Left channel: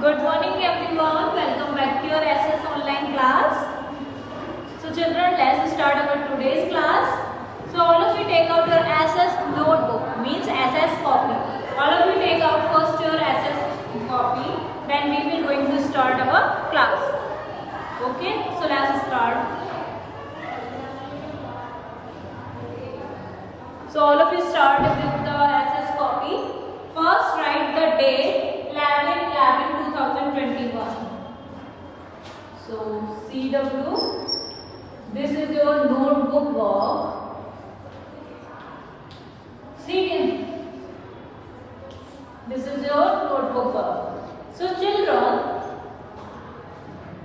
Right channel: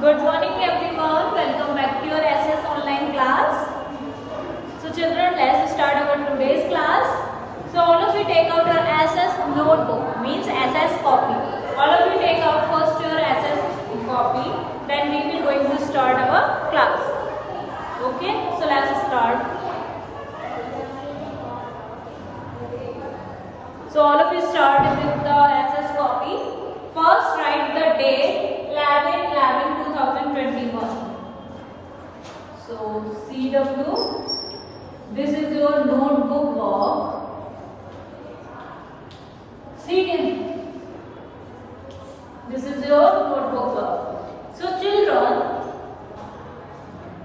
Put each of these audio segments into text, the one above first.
Good morning everyone. Welcome back to your SS online class. So children, let's start our today's class. So all of you take out your SS notebook, means SS copy. All of you take out first your SS copy, then we will going to start our class. Okay, so let's start. So all of you start with the SS copy. First write the date 11/11/2021. So CW, this is your notebook work. See, this is your notebook work. So children,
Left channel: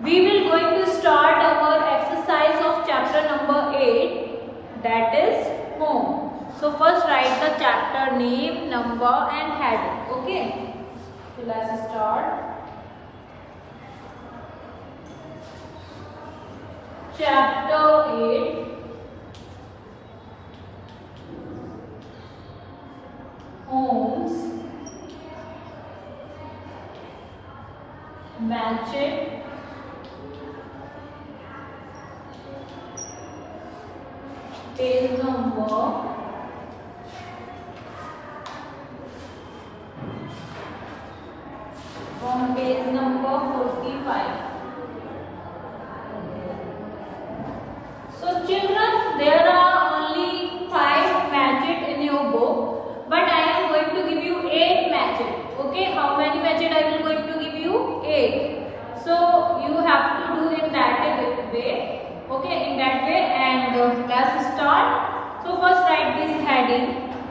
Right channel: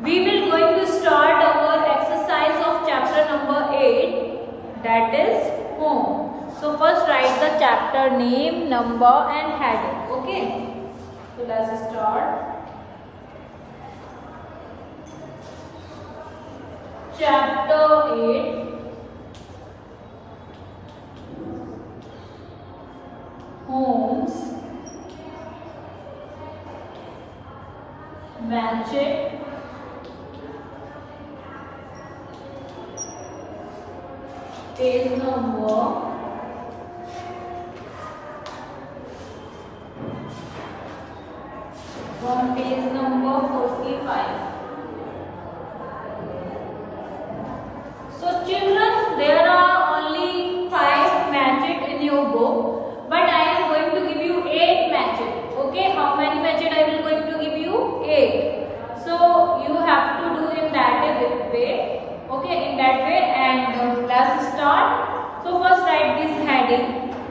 we will going to start our exercise of chapter number 8, that is home. So first write the chapter name, number and heading. Okay. So let's start. Chapter 8. Homes. Magic. Page number. From page number 45. So children, there are only 5 magic in your book, but I am going to give you 8 magic. Okay, how many magic I will going to give you? 8. So you have to do in that way. Okay, in that way, and let's start. So first write this heading.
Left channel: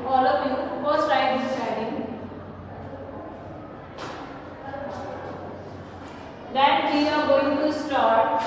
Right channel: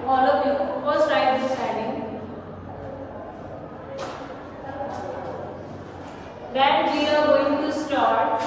All of you first write this heading. Then we are going to start.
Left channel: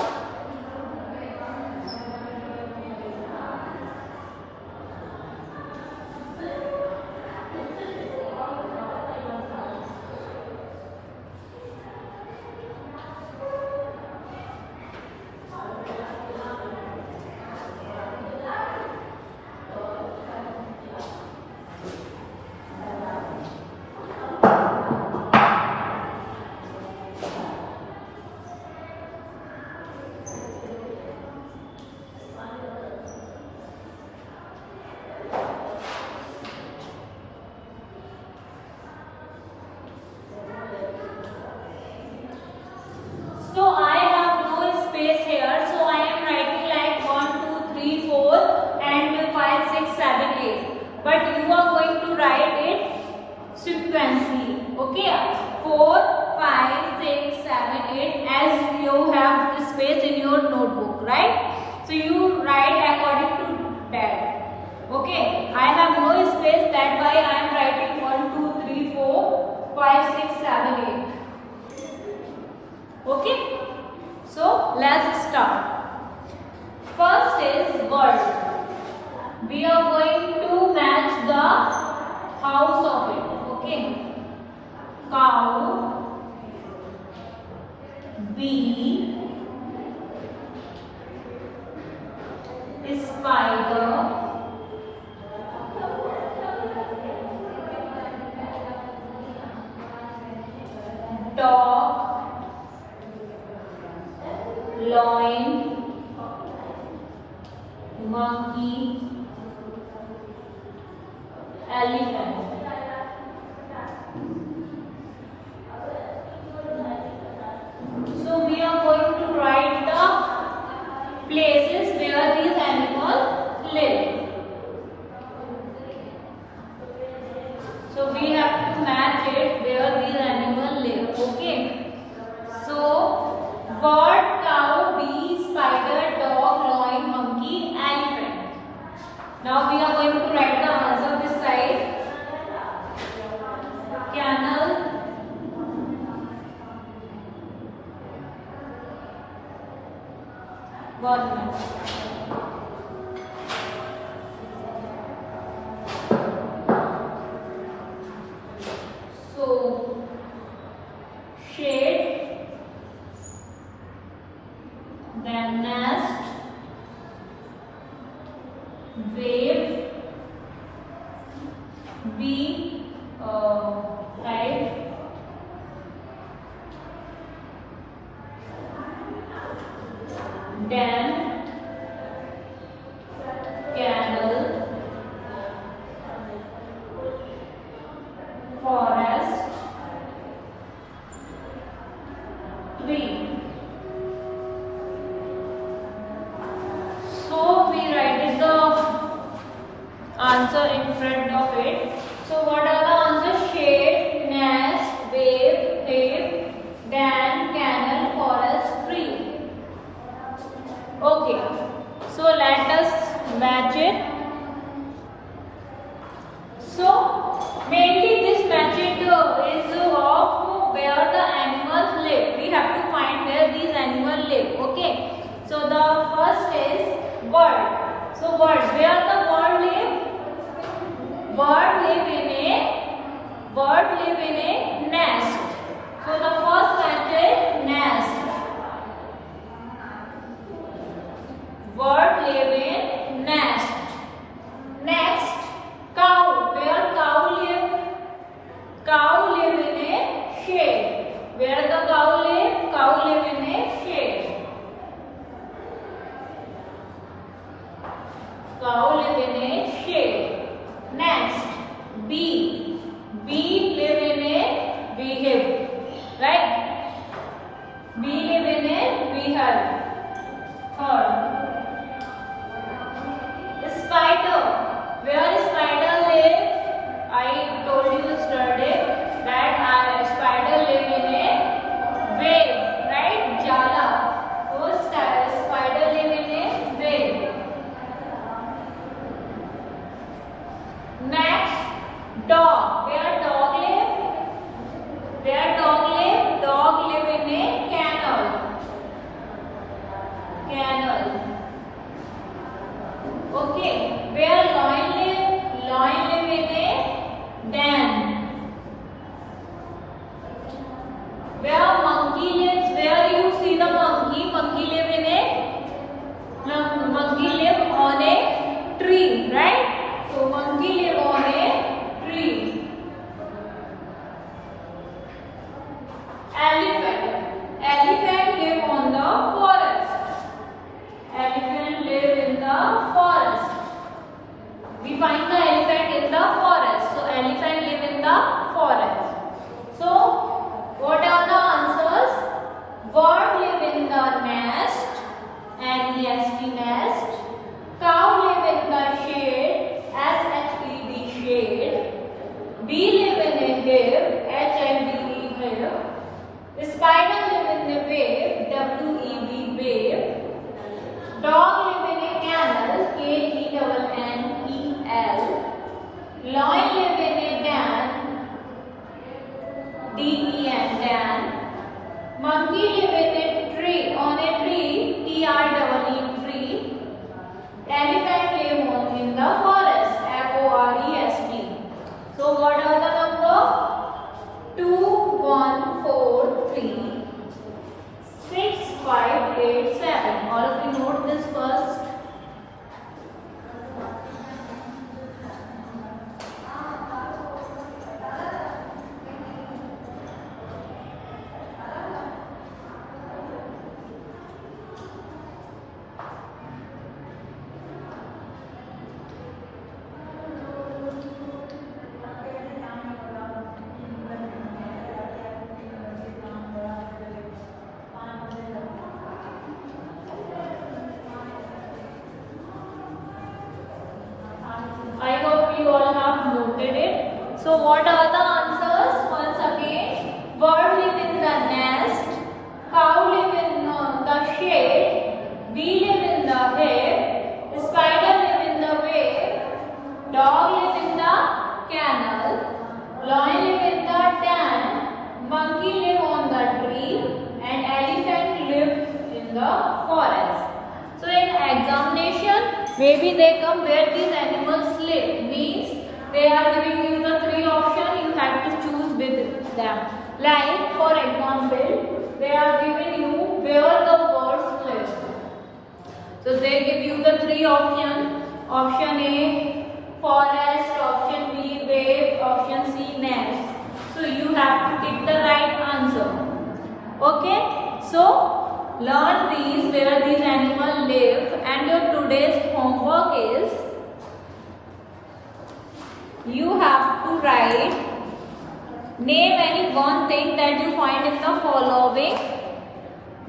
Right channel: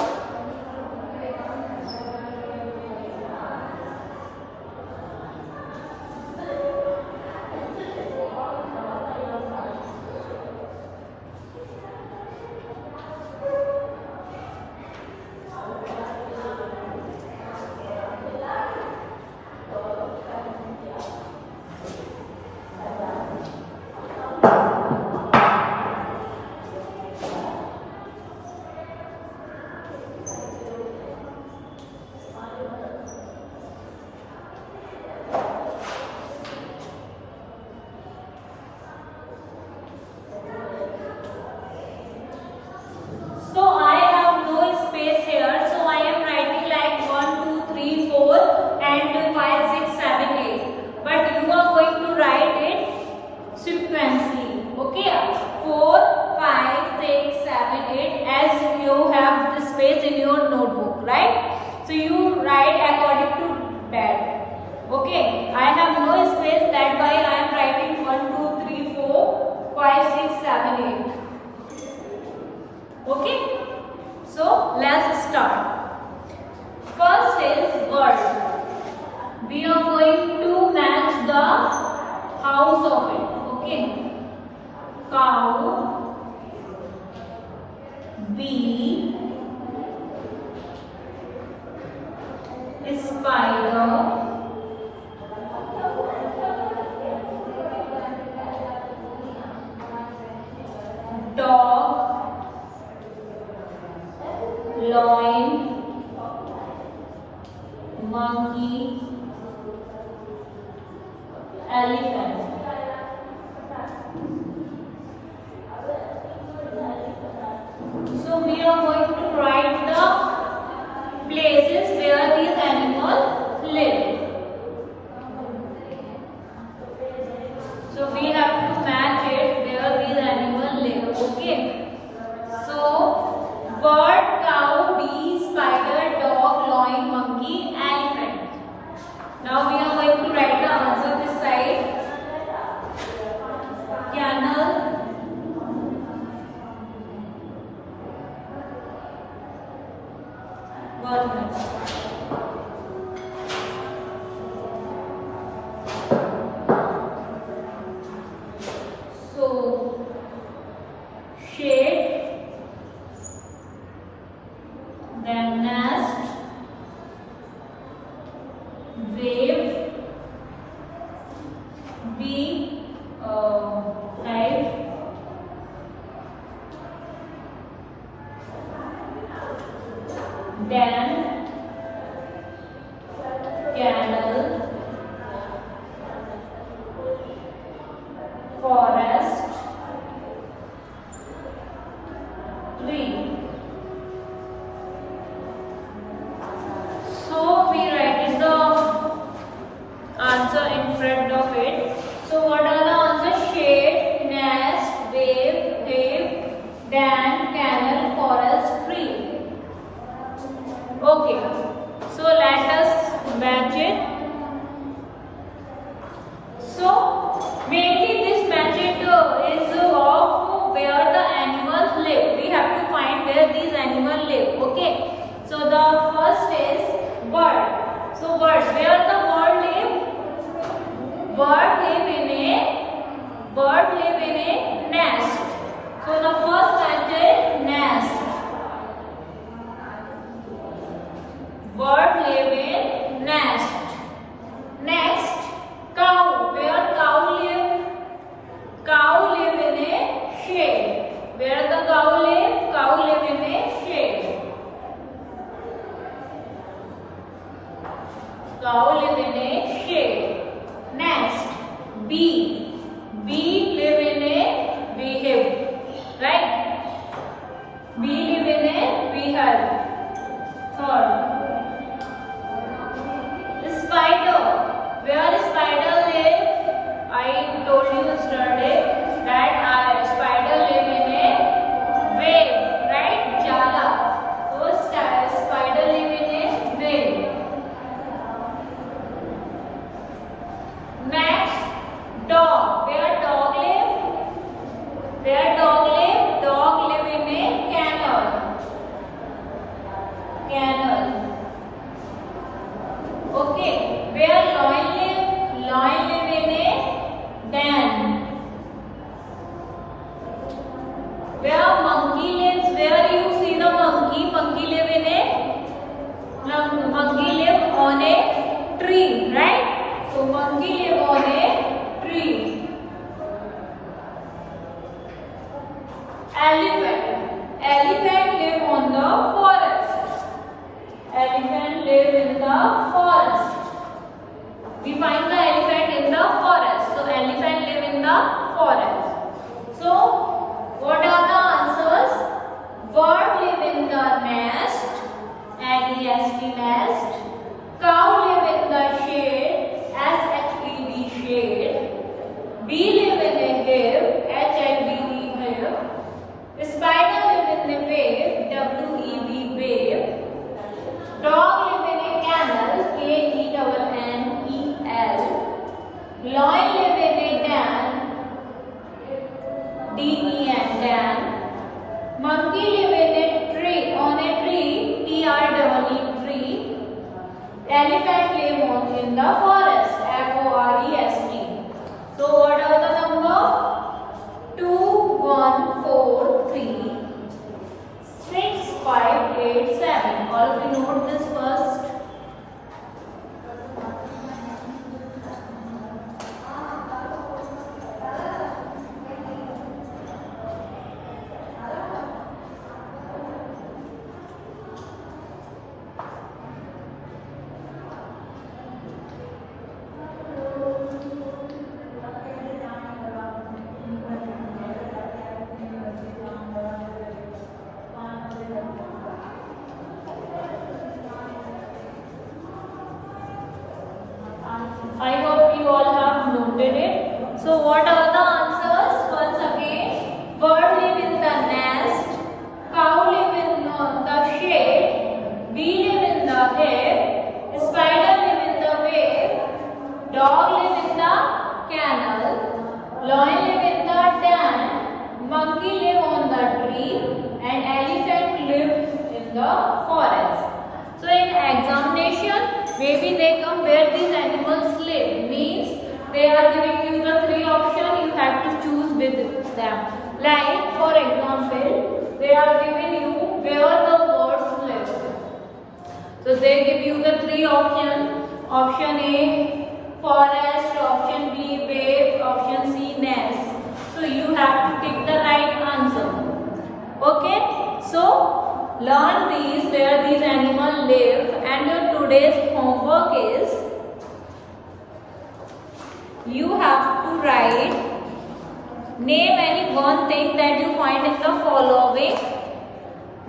But you are going to write it sequentially. Okay, 4, 5, 6, 7, 8 as you have the space in your notebook, right? So you write according to that. Okay, I have no space, that why I am writing 1, 2, 3, 4, 5, 6, 7, 8. Okay, so let's start. First is bird. We are going to match the house of it. Okay. Cow, bee, spider, dog, lion, monkey, elephant. So we are going to write the places where these animals live. So we have to match it where these animals live. Okay. So bird, cow, bee, spider, dog, lion, monkey, elephant. Now we are going to write the answer this side. Camel, walnut. So shade, then nest, wave, bee, 5, den, camel, forest, tree. So we write the answer in front of it. So what are the answers? Shade, nest, wave, cave, den, canal, forest, tree. Okay. So let us match it. So mainly this match it is of where the animals live. We have to find where these animals live. Okay. So the first is bird. So birds, where the bird live? Bird live in a nest. So the first match is nest. Bird live in nest. Next, cow. Where cow live? Cow live in a shade. Where the cow live? Cow live in a shade. Cow live in a shade. Next, bee. Bee live in a beehive. Right? Bee live in a beehive. Third, spider. Where spider live? I told you yesterday that spider live in a wave, right? Jala. So spider live in a wave. Next, dog. Where dog live? Where dog live? Dog live in a canal. Canal. Okay. Where lion live? Lion live in a den. Where monkey lives? Where you see the monkey? Monkey live in a on a tree, right? So monkey live on a tree. Elephant. Elephant live on the forest. Elephant live in the forest. We find the elephant in the forest. So elephant live in the forest. So what are the answers? Bird live in the nest, N-E-S-T nest. Cow live in the shade, S-H-E-D shade. Bee live in a wave, H-I-V-E wave. Spider live in a wave, W-E-V wave. Dog live in a canal, K-E-N-N-E-L. Lion live in a den, D-E-N, den. Monkey live in a tree, on a tree, T-R-E-E, tree. Elephant live in the forest, F-O-R-E-S-T. So what are the number? 2, 1, 4, 3, 6, 5, 8, 7. All of you note this first. I hope you all have noted it. So what are the answers? Once again, bird live in the nest, cow live in the shade, bee live in the hive, spider live in the wave, dog live in the canal, lion live in the den, monkey live on the tree, and elephant live in the forest. So in examination, maybe they come where these animals live. Means they are giving you the 3 options. You have to choose with them. Like for example, they are giving you where the birds live. So they give you the 3 options. Option A, forest. Option B, wave. Option C, nest. So you have to take the right answer. Okay. So learn these where these animals live, and your today's homework is you have to write, name any one thing that you find in the following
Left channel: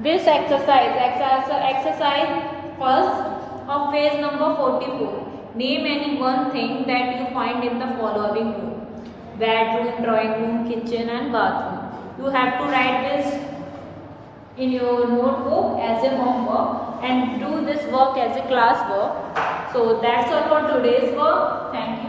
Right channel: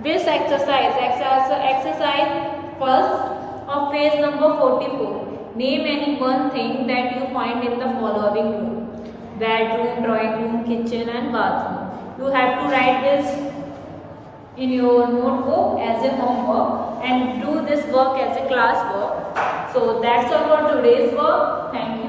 this exercise. Exercise first of page number 44. Name any one thing that you find in the following room: bedroom, drawing room, kitchen and bathroom. You have to write this in your notebook as a homework and do this work as a class work. So that's all for today's work. Thank you.